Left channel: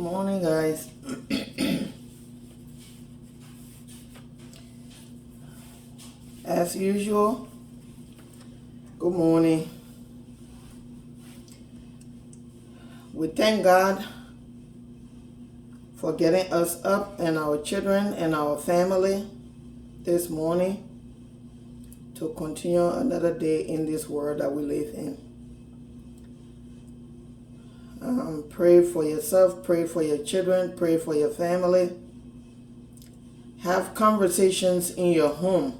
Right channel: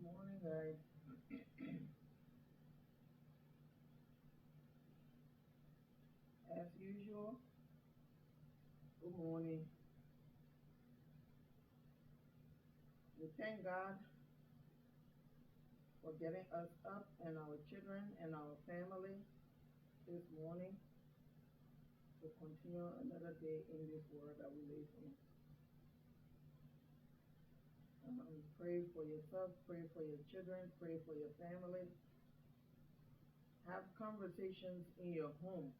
Morning, guys. As usual, good morning. We thank God for getting us up and our children and our family this morning to continue another day in this world that we live in. Pray for yourself, pray for your children, pray for your family. Have conversations in your home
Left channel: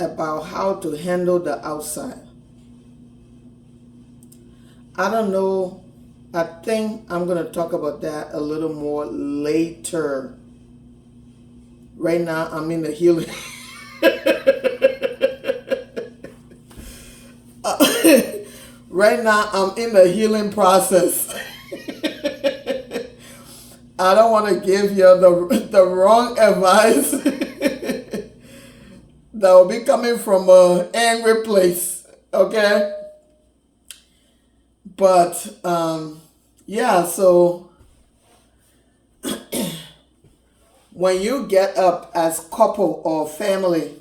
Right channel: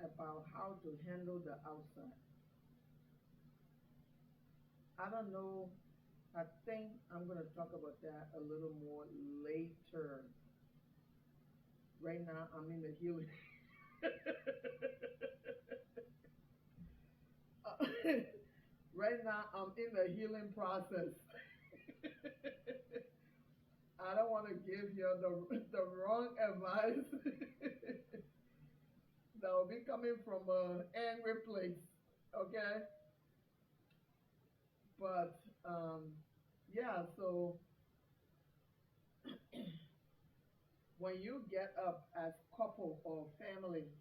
about how to handle the outside. I don't know. I think I'm going to talk about that a little more later. Right now, I'm in the healing. Right now, I'm in the healing process. I don't want to give you the wrong advice that will be coming from an angry place, okay? But, yeah, so when you get up as couple or family,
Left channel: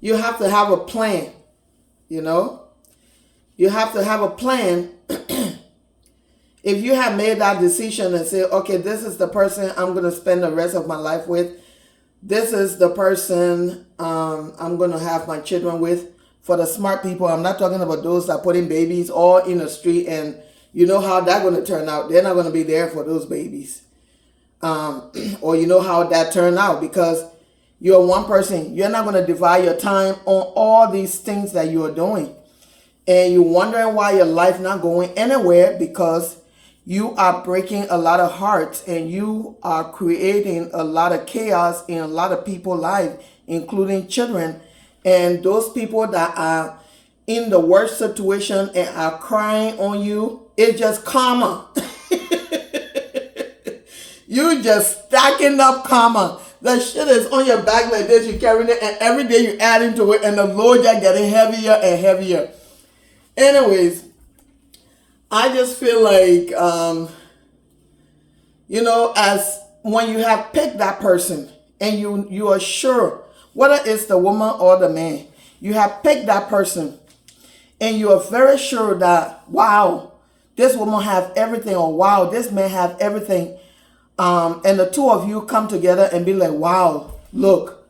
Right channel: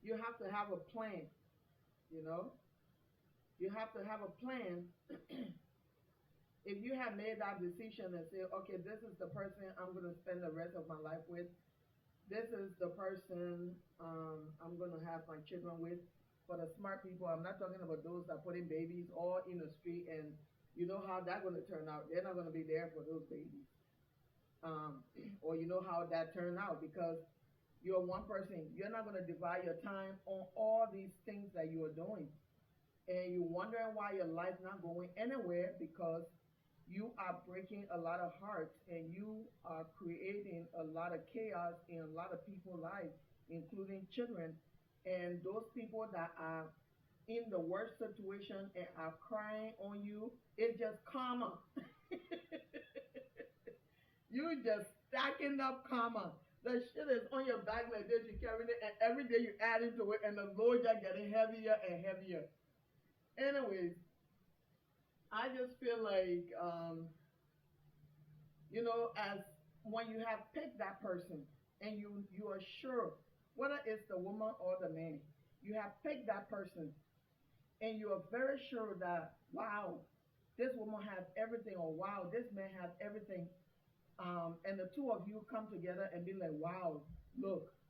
you have to have a plan, you know? You have to have a plan. If you have made that decision and say, okay, this is the person I'm going to spend the rest of my life with. This is the person I'm going to have my children with. For the smart people, I'm not talking about those that put in babies all in the street and you know how that's going to turn out. They're not going to be there for those babies. Or you know how that turned out because you're one person. You're not going to divide your time on all these things that you're doing. And you're wondering why your life not going anywhere because you are breaking a lot of hearts and you are creating a lot of chaos in a lot of people's lives, including children. And those people that are in the worst situation and are crying on you, it's just karma. You just stacking up karma. The shit is on your back like this, you carrying it, and every day you add into it, and the load just getting heavier and heavier. Anyways, I just feel like, as when you have picked that person and you are sure, whether it's the woman or the man, you have picked that person and you are very sure that, wow, this woman have everything, or wow, this man have everything. And the two of you come together and be like, wow, look,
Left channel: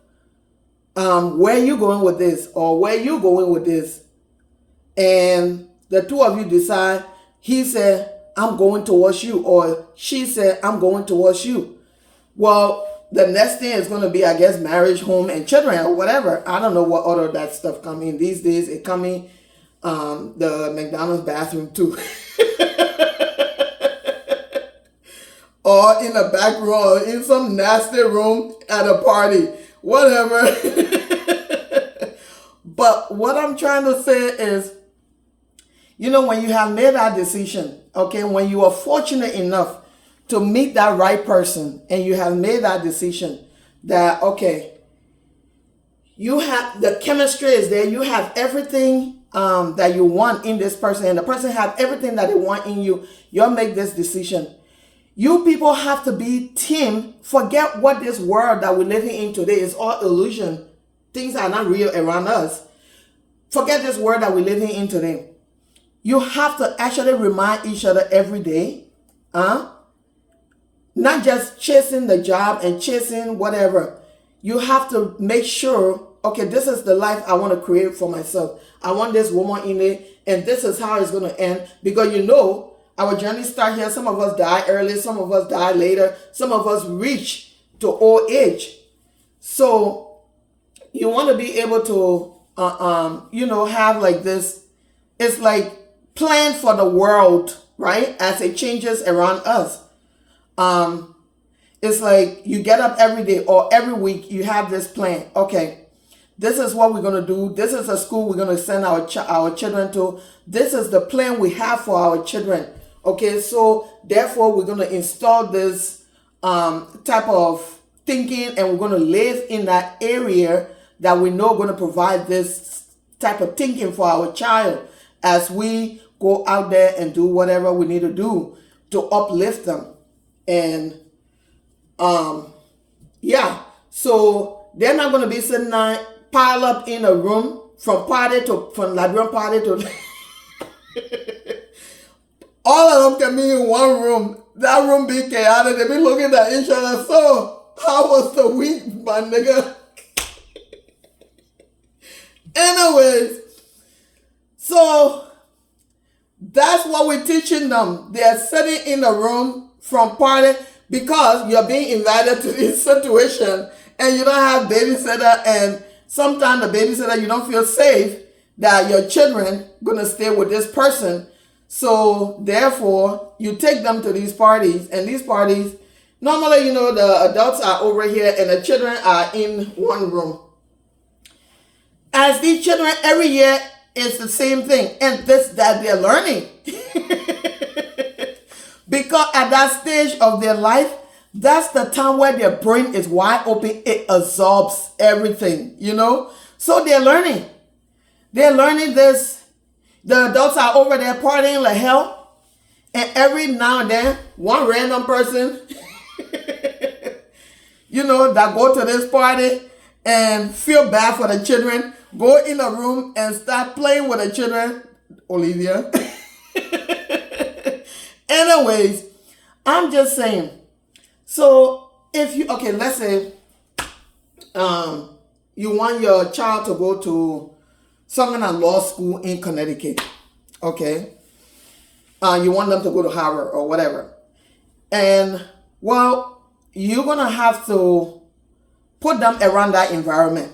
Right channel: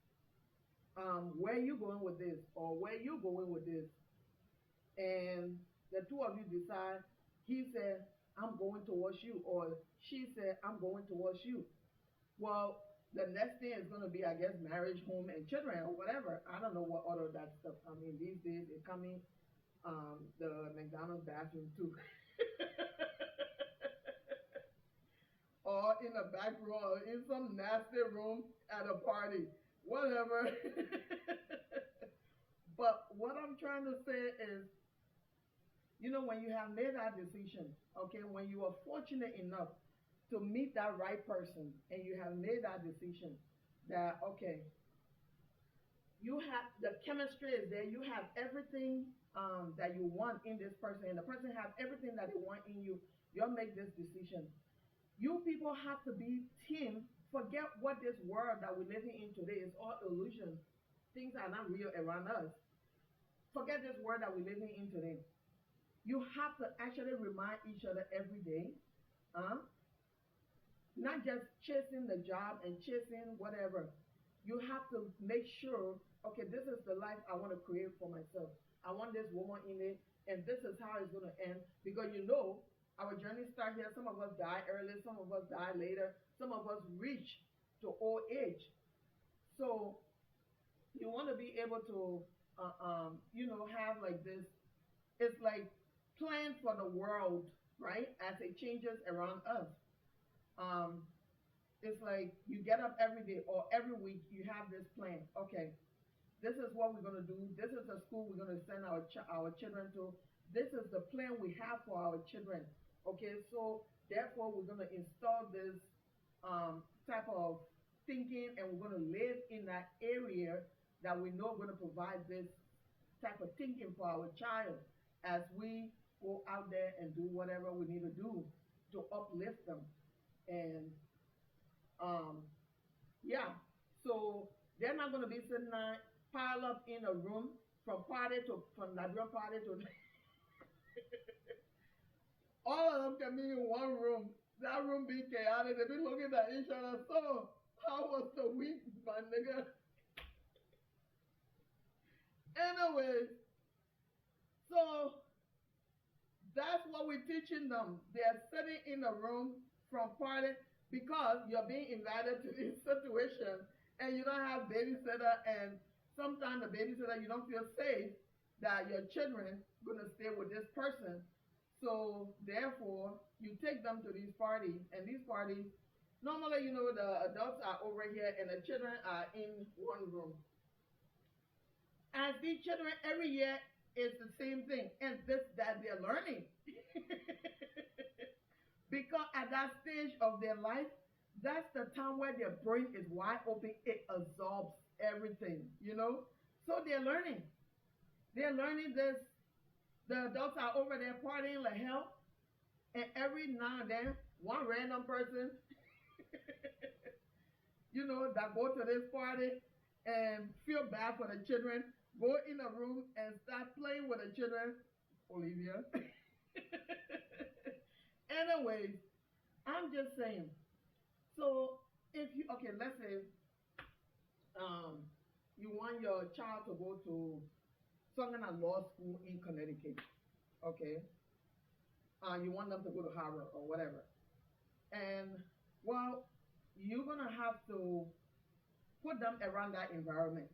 where you going with this? Or where you going with this? And the two of you decide, he said, I'm going towards you, or she said, I'm going towards you. Well, the next thing is going to be, I guess, marriage, home, and children, or whatever. I don't know what other that stuff come in. These days, it come in the McDonald's bathroom, too. Or in a back room, or in some nasty room at a party. Whatever. But what I'm trying to say is, when you have made that decision, okay, when you are fortunate enough to meet that right person and you have made that decision that, okay, you have, the chemistry is there, you have everything that you want in this person and the person have everything that they want in you, you'll make this decision. You people have to be team. Forget what this world that we're living in today is all illusion. Things are not real around us. Forget this world that we're living in today. You have to actually remind each other every day. Not just chasing the job and chasing whatever. You have to make sure, okay, this is the life I want to create for myself. I want this woman in it, and this is how it's going to end. Because our journey start here. Some of us die early, some of us die later, some of us reach to old age. So you want to be able to, have like this. It's like plan for the world, right? As it changes around us. It's like you get up every day or every week, you have this plan. Okay, this is what we're going to do. This is a school we're going to send our children to. This is the plan we have for our children. Okay, so therefore we're going to install this type of thinking and we're going to live in that area that we know going to provide this type of thinking for our child as we go out there and do whatever we need to do. to uplift them. And yeah, so they're not going to be sitting there pile up in a room from Liberian party to all of them can be in one room. That room be chaotic. They be looking at each other. So, how was the week, my nigga? Anyways, so that's what we're teaching them. They're sitting in a room from party because you're being invited to this situation and you don't have babysitter, and sometimes the babysitter, you don't feel safe that your children gonna stay with this person. So therefore, you take them to these parties, and these parties, normally, you know, the adults are over here and the children are in one room. As these children, every year, it's the same thing, and that they're learning. Because at that stage of their life, that's the time where their brain is wide open. It absorbs everything, you know? So they're learning. They're learning this. The adults are over there partying like hell. And every now and then, one random person, you know, that go to this party and feel bad for the children, go in a room and start playing with the children. Olivia. Anyways, I'm just saying. So if you, okay, let's say you want your child to go to some kind of law school in Connecticut, okay? You want them to go to Harvard or whatever. And, well, you're going to have to put them around that environment.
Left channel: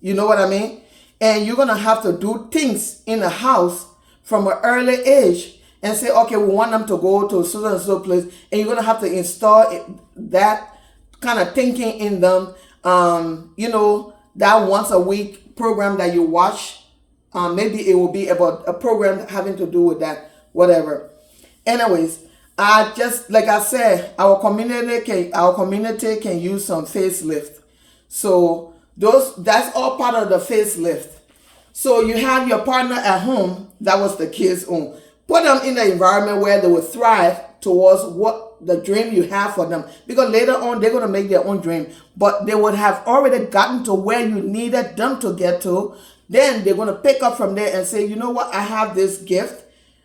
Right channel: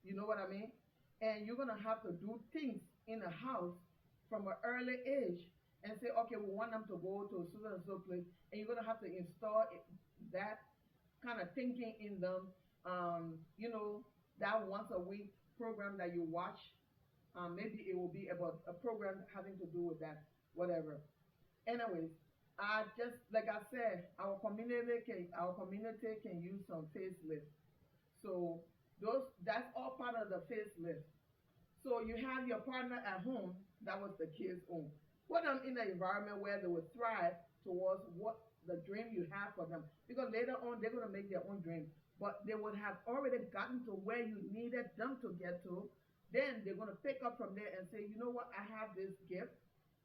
You know what I mean? And you're going to have to do things in the house from an early age and say, okay, we want them to go to so and so place. And you're going to have to install that kind of thinking in them. You know, that once a week program that you watch, maybe it will be about a program having to do with that, whatever. Anyways, like I said, our community can use some facelift. So that's all part of the facelift. So you have your partner at home, that was the kids' home. Put them in an environment where they will thrive towards what the dream you have for them. Because later on, they're going to make their own dream. But they would have already gotten to where you needed them to get to. Then they're going to pick up from there and say, you know what, I have this gift.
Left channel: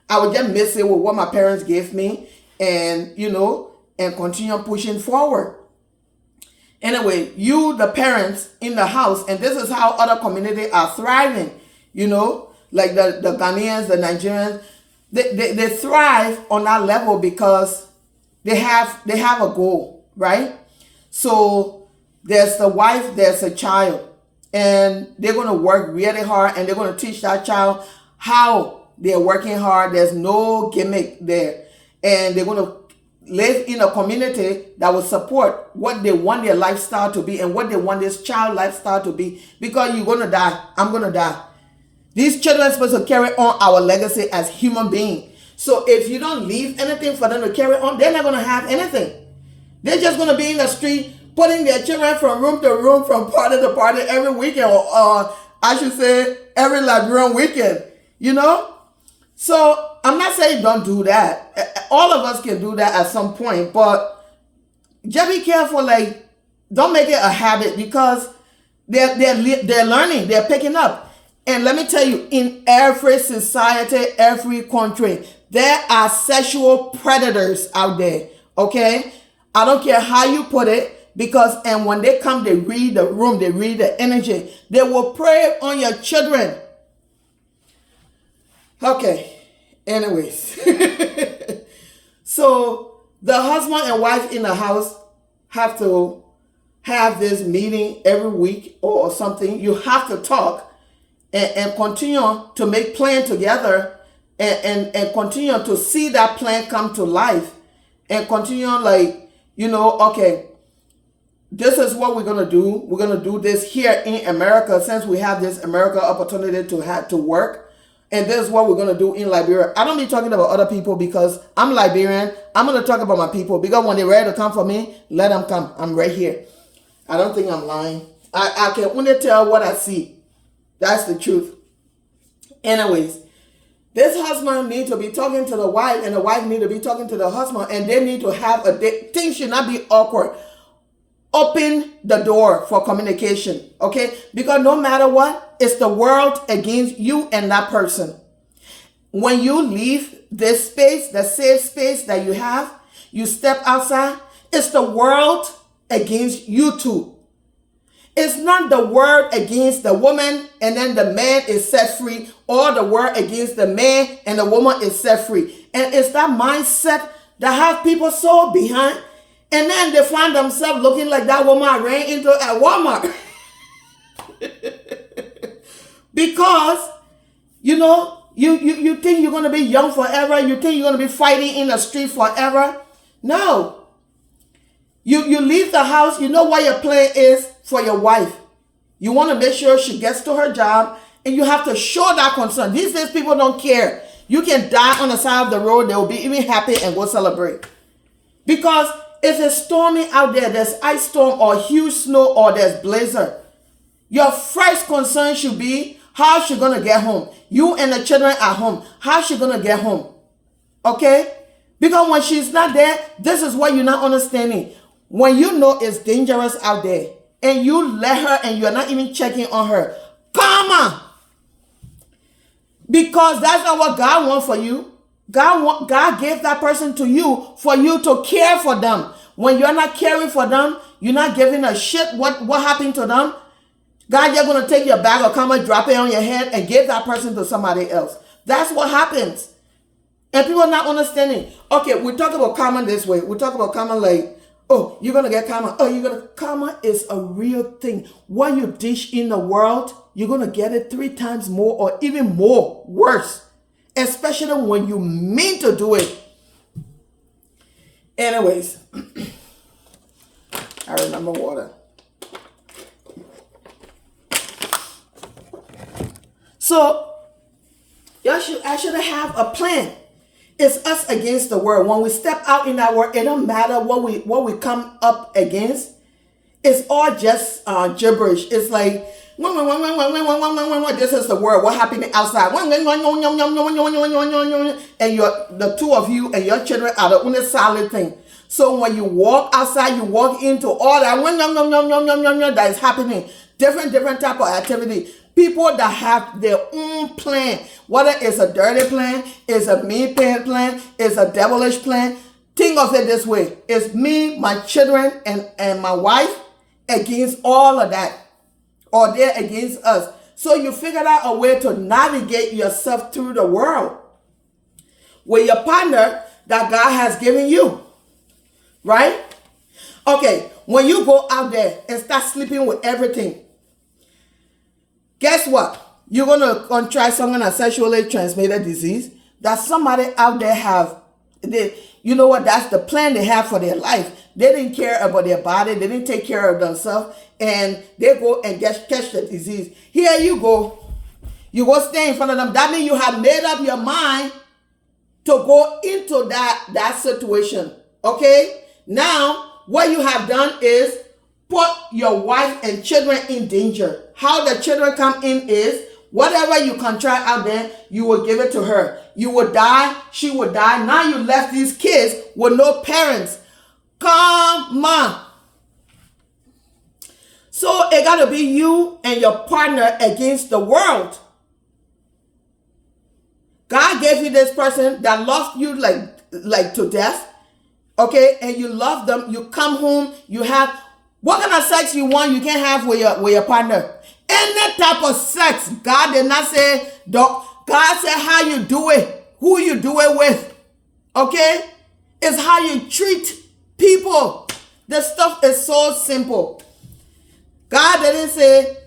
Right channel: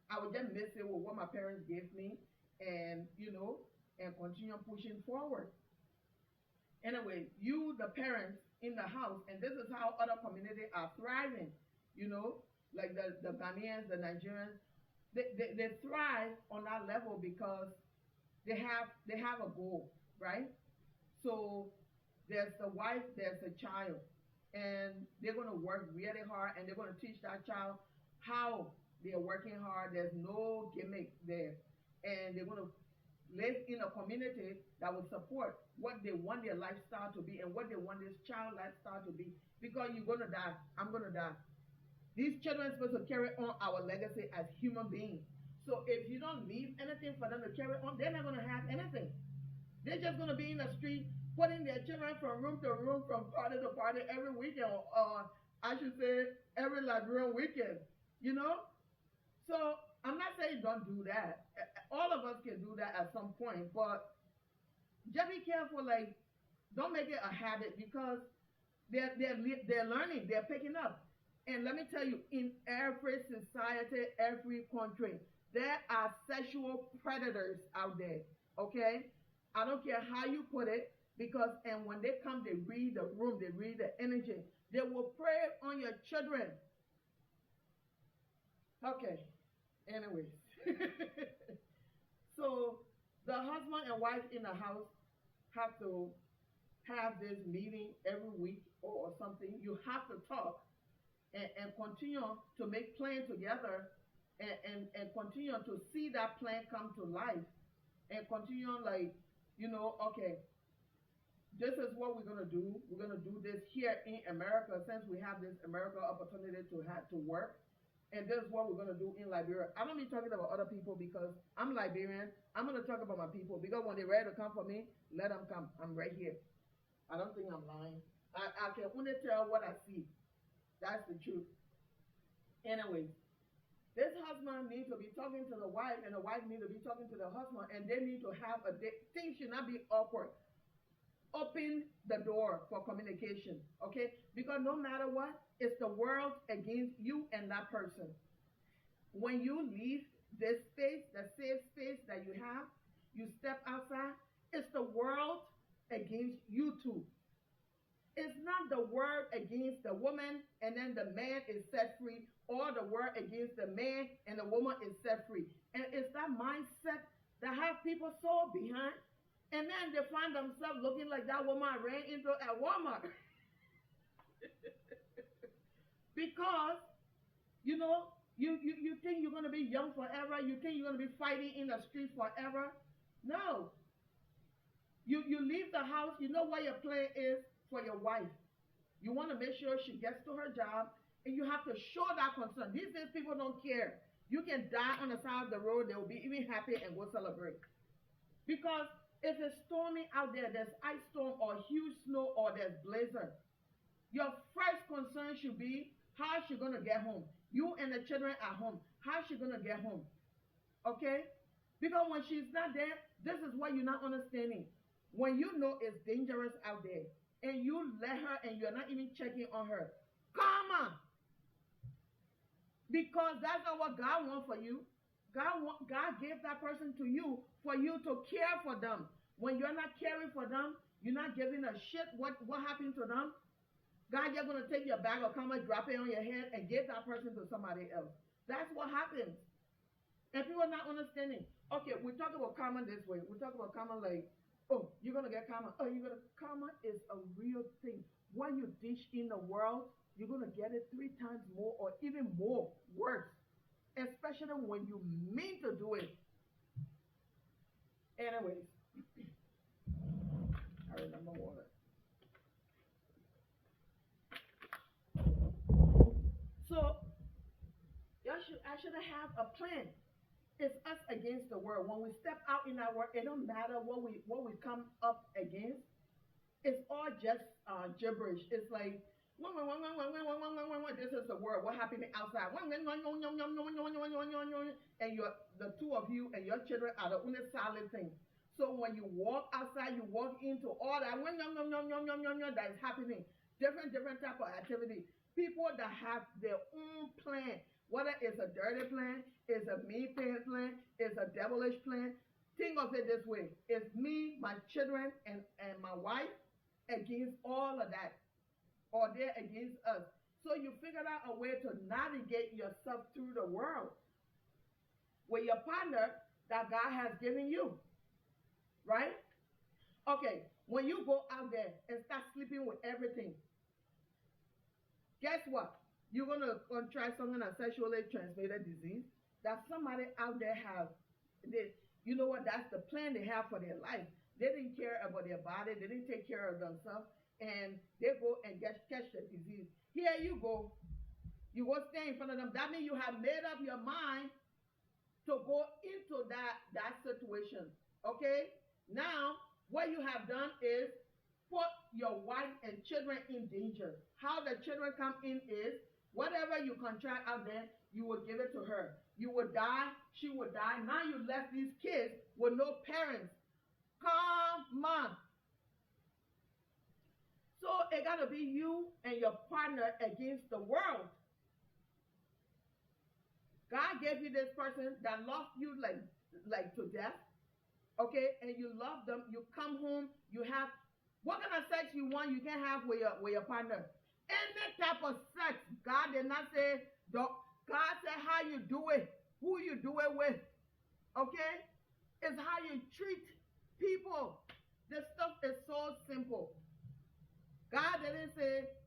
I would just miss it with what my parents gave me. And, you know, and continue pushing forward. Anyway, you, the parents in the house, and this is how other communities are thriving, you know, like the Ghanaians, the Nigerians, they thrive on that level because they have a goal, right? So there's the wife, there's a child, and they're going to work really hard, and they're going to teach that child how they're working hard. There's no gimmick there. And they're going to live in a community that will support what they want their lifestyle to be and what they want this child lifestyle to be. Because you're going to die. I'm going to die. These children are supposed to carry on our legacy as human beings. So if you don't leave anything for them to carry on, they're not going to have anything. They're just going to be in the street putting their children from room to room, from party to party every weekend, or I should say every Liberian weekend, you know? So I'm not saying don't do that. All of us can do that at some point, but just be careful. Like, don't make it a habit, because they're learning, they're picking up. And let me tell you, in every society, every country, there are sexual predators out there. Okay, I don't care how you put it, because and when they come, they read the room, they read the energy. They will prey on your children. Okay. Anyways, so the husband and wife in the house have to have this meeting every week or something. You have to talk and continue to make plan together and continue to see that plan come to life, and continue like, you know, okay, this is what we're going to do. We're going to do this here in America, since we have this America opportunity to work. And this is what we're going to do in Liberia. I don't be talking about other people because I'm Liberian. I'm going to talk about my people, because when they're ready to come for me, let them come. I'm right here. I don't think I'm lying. I can only tell what I see. That's the truth. Anyways, This husband need to be talking to the wife, and the wife need to be talking to the husband, and they need to have a date. Things should not be awkward. Open the door for communication, okay? Because no matter what, it's the world against you and that person. When you leave this space, the safe space that you have, you step outside, it's the world against you two. It's not the word against the woman and then the man is set free, or the word against the man and the woman is set free. And it's that mindset that have people so behind, and then they find themselves looking like that woman I ran into at Walmart. Because, you think you're going to be young forever. You think you're going to be fighting in the street forever. No. You leave the house. You know what your plan is for your wife. You want to make sure she gets to her job, and you have to show that concern. These days, people don't care. You can die on the side of the road. They will be even happy and go celebrate. Because if it's stormy out there, there's ice storm or huge snow or there's blizzard, your first concern should be, how is she going to get home? You and the children at home, how is she going to get home? Okay? Because when she's not there, this is what you're not understanding. When you know it's dangerous out there, and you let her and you're not even checking on her, come on. Because that's not what God wants for you. God gave that person to you for you to care for them. When you're not caring for them, you're not giving a shit what happened to them. God, you're going to take your bag of karma, drop it on your head, and give that person to somebody else. That's what happens. And people are not understanding. Okay, we talk about karma this way. We talk about karma like, oh, you're going to get karma. Oh, karma is a real thing. What you dish in the world, you're going to get it 3 times more or even more, worse. Especially when you mean to do it. Anyways, I remember water. So, I should have a plan. It's us against the world. When we step out in that world, it don't matter what we come up against. It's all just gibberish. It's like, this is the world. What happened outside? And the two of you and your children are the only solid thing. So when you walk outside, you walk into all that that is happening. Different type of activity. People that have their own plan, whether it's a dirty plan, it's a mean plan, it's a devilish plan. Think of it this way. It's me, my children, and my wife against all of that. Or they're against us. So you figured out a way to navigate yourself through the world with your partner that God has given you. Right? Okay, when you go out there and start sleeping with everything, guess what? You're going to contract some kind of sexually transmitted disease that somebody out there have. You know what? That's the plan they have for their life. They didn't care about their body. They didn't take care of themselves. And they go and catch the disease. Here you go. You go stay in front of them. That means you have made up your mind to go into that situation. Okay? Now, what you have done is put your wife and children in danger. How the children come in is, whatever you contract out there, you will give it to her. You will die, she will die. Now you left these kids with no parents. Come on. So it got to be you and your partner against the world. God gave you this person that loved you like to death. Okay, and you love them. You come home, you have what kind of sex you want, you can't have with your partner. Any type of sex. God did not say, God said how you do it, who you do it with. Okay? It's how you treat people. The stuff is so simple. God didn't say,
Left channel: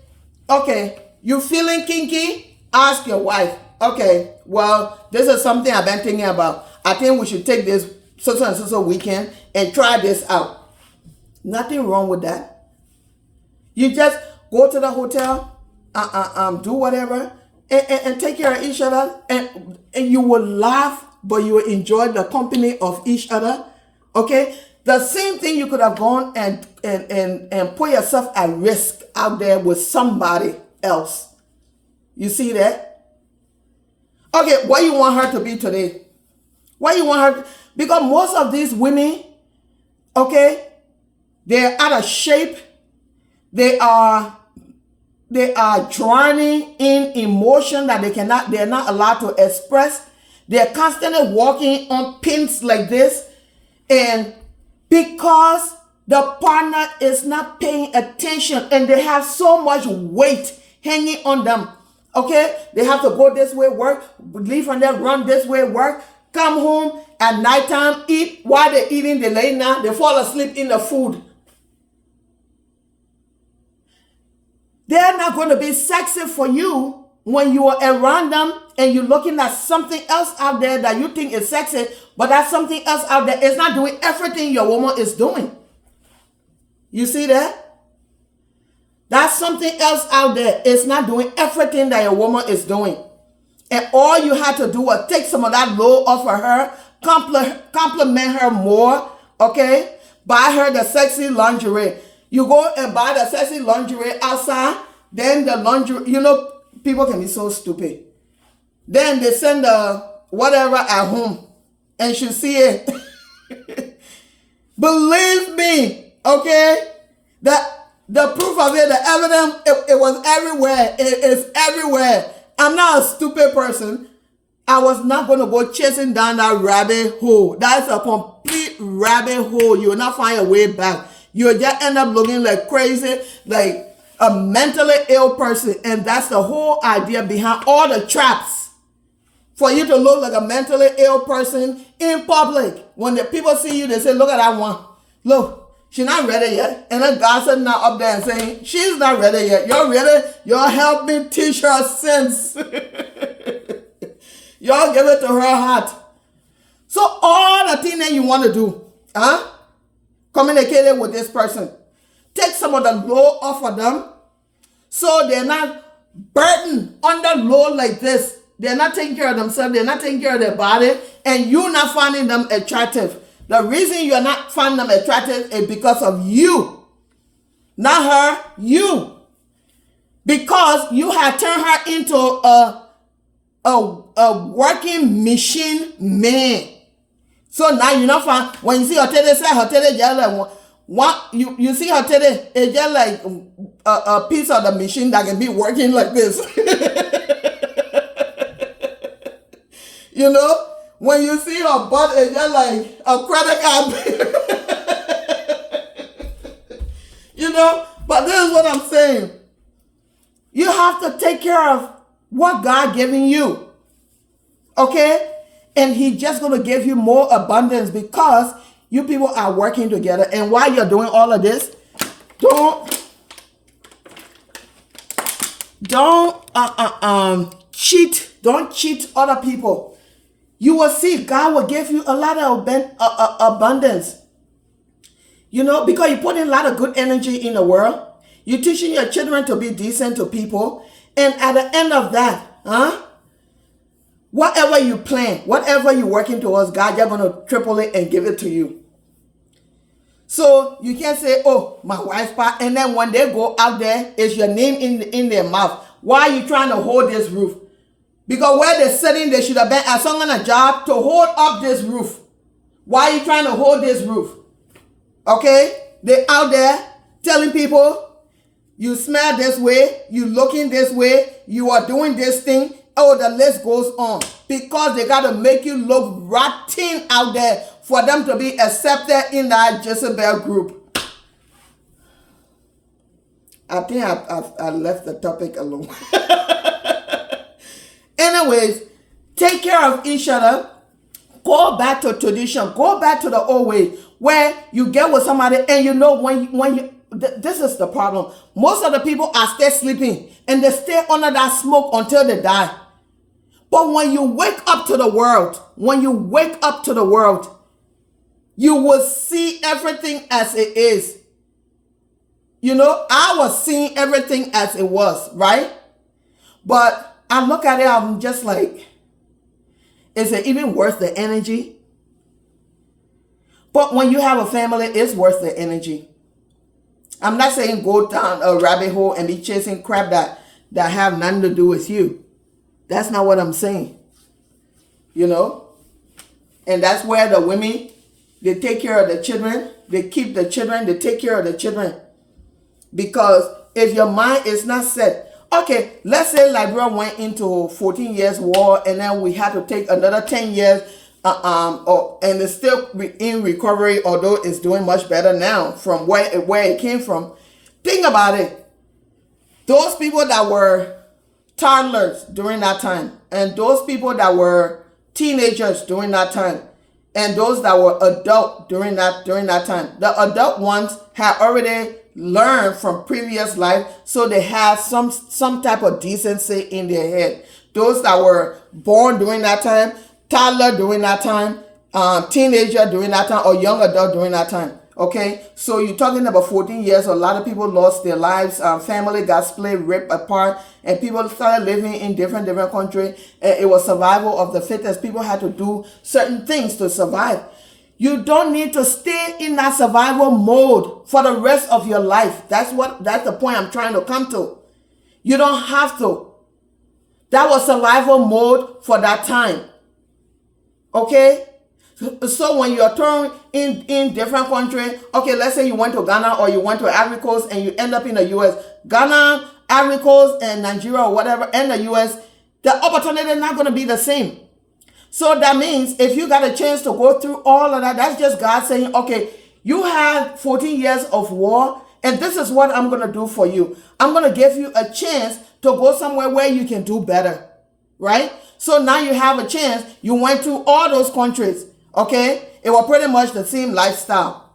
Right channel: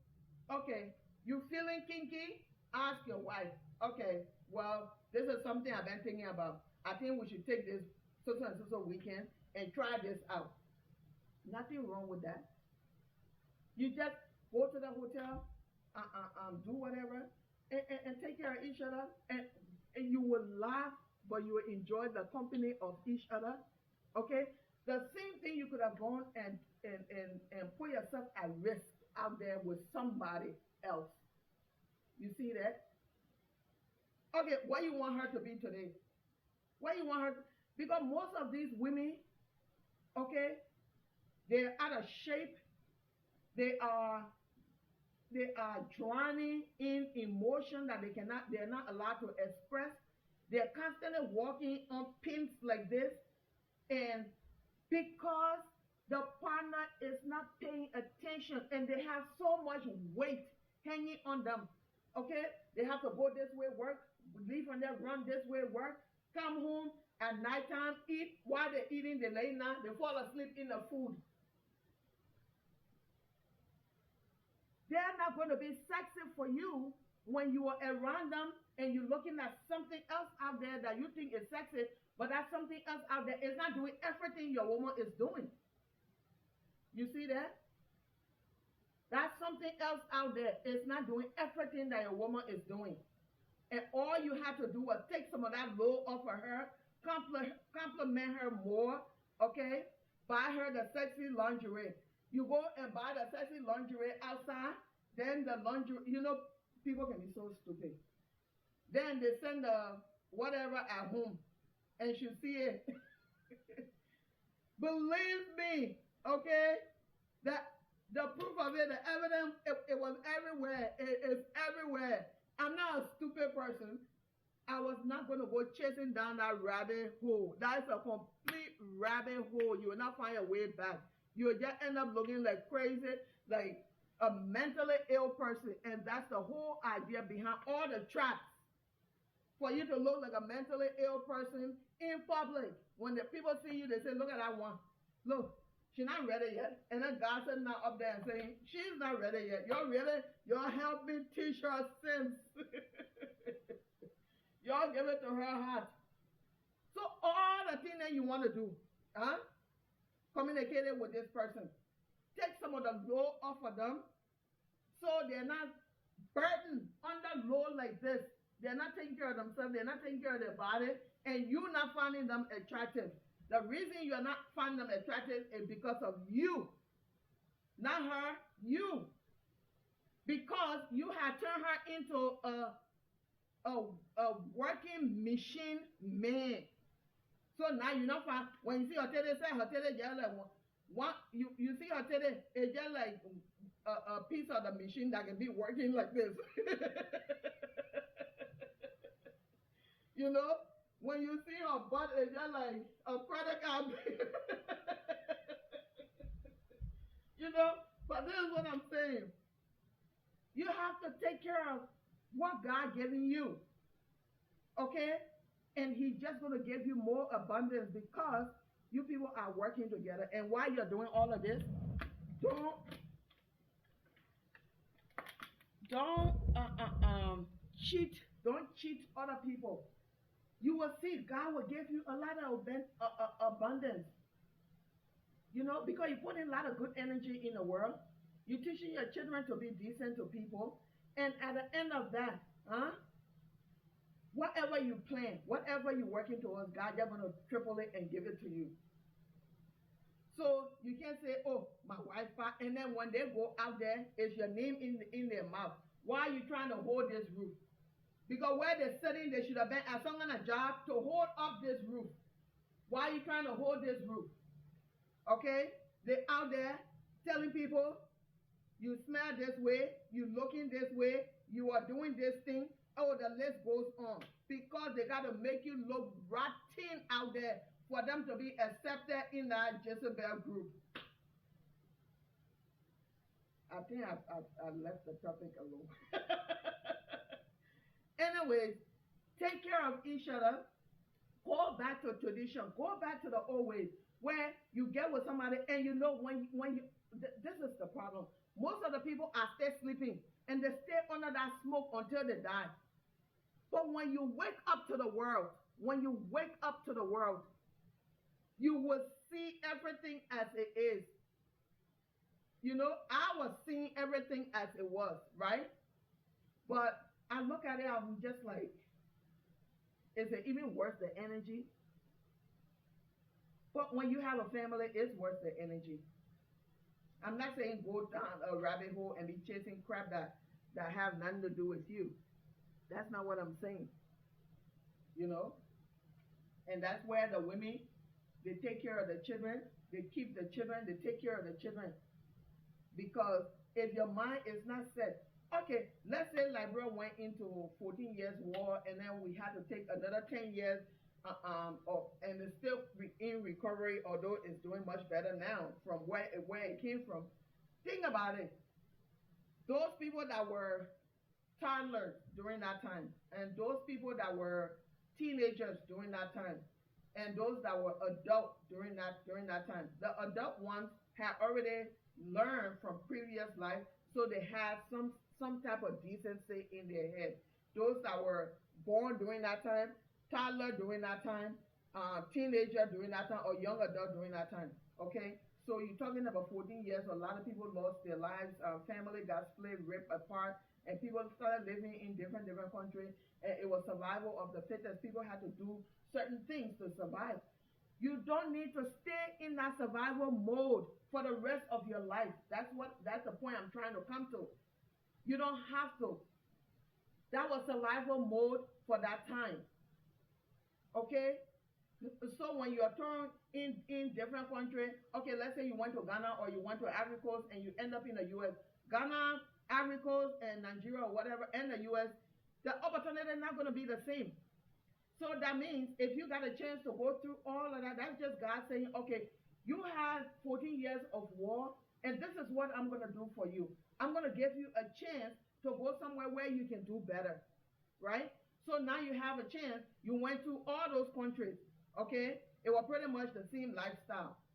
okay, you feeling kinky? Ask your wife. Okay, well, this is something I've been thinking about. I think we should take this so weekend and try this out. Nothing wrong with that. You just go to the hotel, do whatever, and take care of each other, and you will laugh, but you will enjoy the company of each other. Okay? The same thing, you could have gone and put yourself at risk out there with somebody else. You see that? Okay, what you want her to be today? What you want her? Because most of these women, okay, they're out of shape. They are drowning in emotion that they're not allowed to express. They're constantly walking on pins like this. And because the partner is not paying attention and they have so much weight hanging on them, okay? They have to go this way, work, leave from there, run this way, work, come home at nighttime, eat. While they're eating, they lay down, they fall asleep in the food. They're not going to be sexy for you when you are around them and you're looking at something else out there that you think is sexy, but that something else out there is not doing everything your woman is doing. You see that? That's something else out there. It's not doing everything that your woman is doing. And all you had to do was take some of that load off of her, compliment her more, okay? Buy her the sexy lingerie. You go and buy the sexy lingerie outside, then the lingerie, you know, people can be so stupid. Then they send the whatever at home and she see it. Believe me, okay? The proof of it, the evidence, it was everywhere. It is everywhere. I'm not a stupid person. I was not going to go chasing down that rabbit hole. That's a complete rabbit hole. You will not find a way back. You'll just end up looking like crazy, like a mentally ill person. And that's the whole idea behind all the traps. For you to look like a mentally ill person in public. When the people see you, they say, look at that one. Look, she's not ready yet. And then God said now up there and saying, she's not ready yet. You're ready? Y'all help me teach her sense. Y'all give it to her heart. So all the things that you want to do, communicating with this person. Take some of the load off of them so they're not burdened under load like this. They're not taking care of themselves. They're not taking care of their body. And you're not finding them attractive. The reason you're not finding them attractive is because of you. Not her, you. Because you have turned her into a working machine man. So now you not find, when you see her teddy, say her teddy just like one, you see her teddy, it's just like a piece of the machine that can be working like this. You know, when you see her butt, it's just like a credit card. You know, but this is what I'm saying. You have to take care of what God giving you. Okay? And He's just going to give you more abundance because you people are working together. And while you're doing all of this, don't cheat. Don't cheat other people. You will see God will give you a lot of abundance. You know, because you put in a lot of good energy in the world. You're teaching your children to be decent to people. And at the end of that, whatever you plan, whatever you're working towards, God, you're going to triple it and give it to you. So you can't say, oh, my wife's part. And then when they go out there, it's your name in their mouth. Why are you trying to hold this roof? Because where they're sitting, they should have been at some kind of job to hold up this roof. Why are you trying to hold this roof? Okay? They're out there telling people, you smell this way, you looking this way, you are doing this thing. Oh, the list goes on. Because they got to make you look rotten out there for them to be accepted in that Jezebel group. I think I left the topic alone. Anyways, take care of each other. Go back to tradition. Go back to the old way where you get with somebody and you know when you this is the problem. Most of the people are still sleeping and they stay under that smoke until they die. But when you wake up to the world, you will see everything as it is. You know, I was seeing everything as it was, right? But I look at it, I'm just like, is it even worth the energy? But when you have a family, it's worth the energy. I'm not saying go down a rabbit hole and be chasing crap that have nothing to do with you. That's not what I'm saying. you know. And that's where the women, they take care of the children, they keep the children, they take care of the children. Because if your mind is not set, okay, let's say Liberia went into 14 years war, and then we had to take another 10 years, and it's still in recovery, although it's doing much better now from where it came from. Think about it. Those people that were toddlers during that time, and those people that were teenagers during that time, and those that were adult during that time, the adult ones had already learned from previous life, so they had some type of decency in their head. Those that were born during that time, toddler during that time, teenager during that time, or young adult during that time. Okay, so you're talking about 14 years. A lot of people lost their lives. Family got split, ripped apart, and people started living in different countries. It was survival of the fittest. People had to do certain things to survive. You don't need to stay in that survival mode for the rest of your life. That's the point I'm trying to come to. You don't have to. That was survival mode for that time. Okay? So when you're thrown in different countries, okay, let's say you went to Ghana or you went to Ivory Coast and you end up in the U.S. Ghana, Ivory Coast, and Nigeria or whatever, and the U.S., the opportunity is not going to be the same. So that means if you got a chance to go through all of that, that's just God saying, okay, you had 14 years of war, and this is what I'm going to do for you. I'm going to give you a chance to go somewhere where you can do better, right? So now you have a chance. You went through all those countries. Okay, it was pretty much the same lifestyle.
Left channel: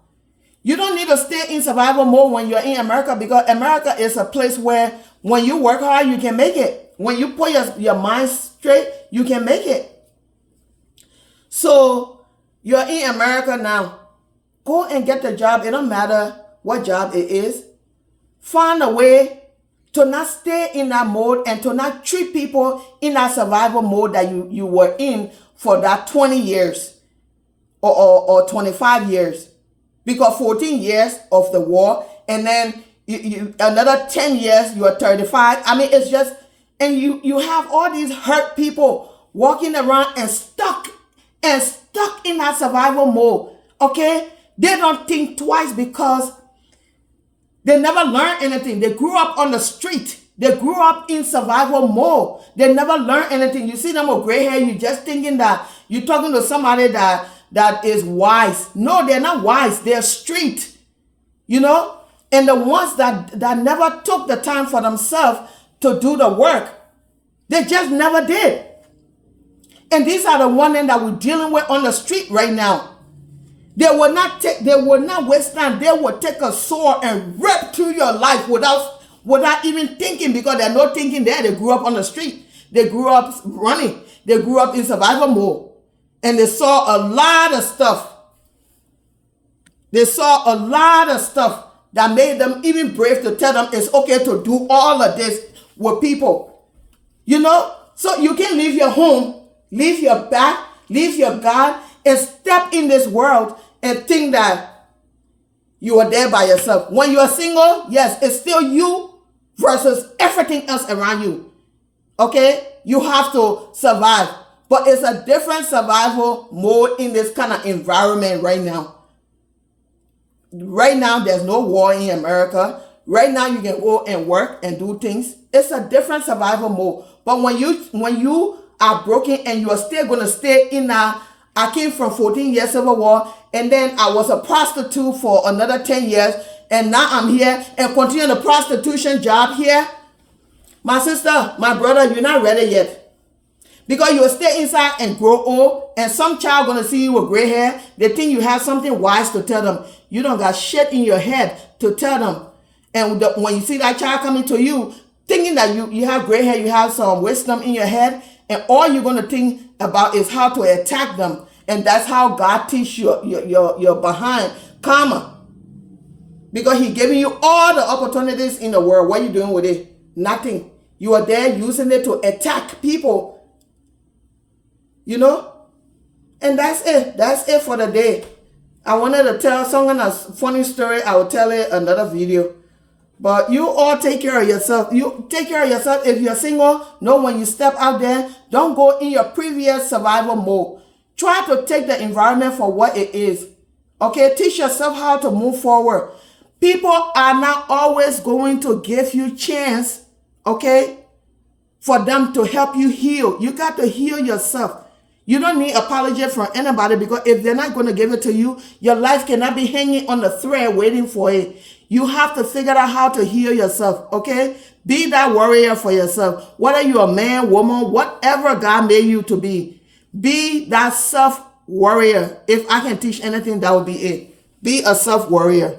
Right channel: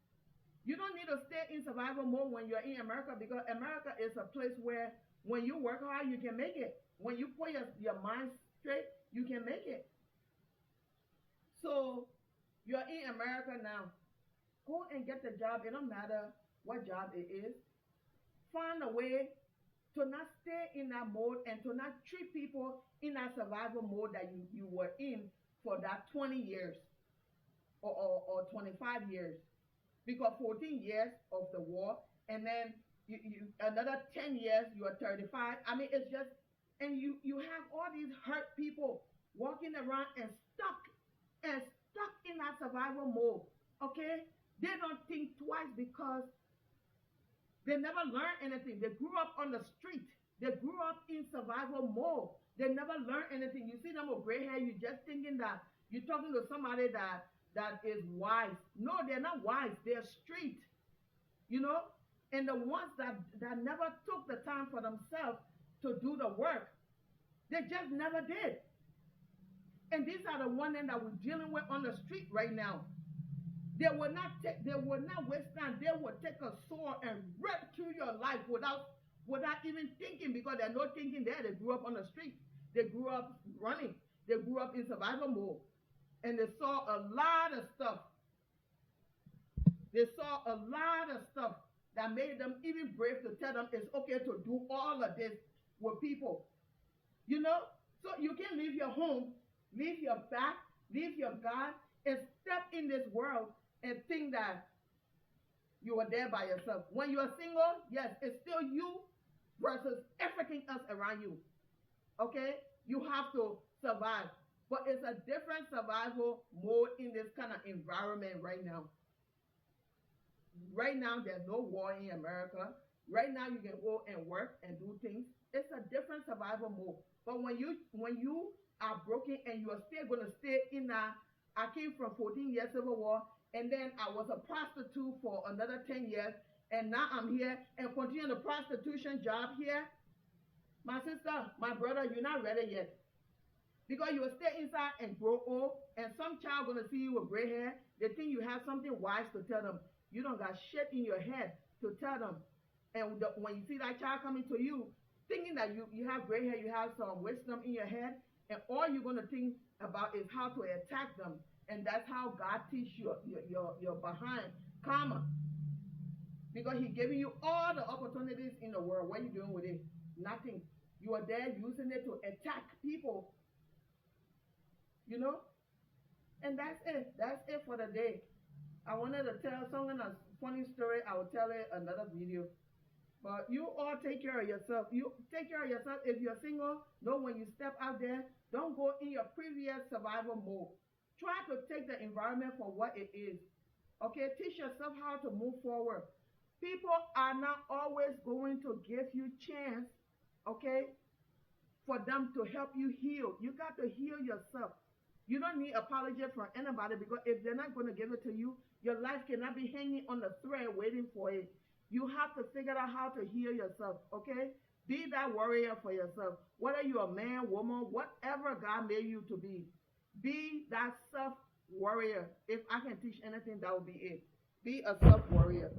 You don't need to stay in survival mode when you're in America, because America is a place where when you work hard, you can make it. When you put your mind straight, you can make it. So you're in America now. Go and get the job. It don't matter what job it is. Find a way to not stay in that mode and to not treat people in that survival mode that you were in for that 20 years. Or 25 years, because 14 years of the war, and then you another 10 years, you are 35. I mean, it's just, and you have all these hurt people walking around and stuck in that survival mode. Okay, they don't think twice because they never learned anything. They grew up on the street. They grew up in survival mode. They never learned anything. You see them with gray hair, you're just thinking that you're talking to somebody that is wise. No, they're not wise. They're street, you know? And the ones that never took the time for themselves to do the work, they just never did. And these are the ones that we're dealing with on the street right now. They will not waste time. They will take a sword and rip through your life without even thinking, because they're not thinking there. They grew up on the street. They grew up running. They grew up in survival mode. And they saw a lot of stuff. They saw a lot of stuff that made them even brave to tell them it's okay to do all of this with people. You know? So you can leave your home, leave your back, leave your God, and step in this world and think that you are there by yourself. When you are single, yes, it's still you versus everything else around you. Okay? You have to survive. But it's a different survival mode in this kind of environment right now. Right now, there's no war in America. Right now, you can go and work and do things. It's a different survival mode. But when you are broken and you are still going to stay in I came from 14 years of a war, and then I was a prostitute for another 10 years, and now I'm here and continue the prostitution job here. My sister, my brother, you're not ready yet. Because you will stay inside and grow old, and some child going to see you with gray hair. They think you have something wise to tell them. You don't got shit in your head to tell them. And when you see that child coming to you, thinking that you have gray hair, you have some wisdom in your head, and all you're going to think about is how to attack them. And that's how God teach your behind karma. Because He giving you all the opportunities in the world. What are you doing with it? Nothing. You are there using it to attack people. You know? And that's it. That's it for the day. I wanted to tell someone a funny story. I will tell it another video. But you all take care of yourself. You take care of yourself. If you're single, know when you step out there, don't go in your previous survival mode. Try to take the environment for what it is. Okay, teach yourself how to move forward. People are not always going to give you chance, okay, for them to help you heal. You got to heal yourself. You don't need apology from anybody, because if they're not going to give it to you, your life cannot be hanging on the thread waiting for it. You have to figure out how to heal yourself, okay? Be that warrior for yourself. Whether you're a man, woman, whatever God made you to be that self warrior. If I can teach anything, that would be it. Be a self warrior.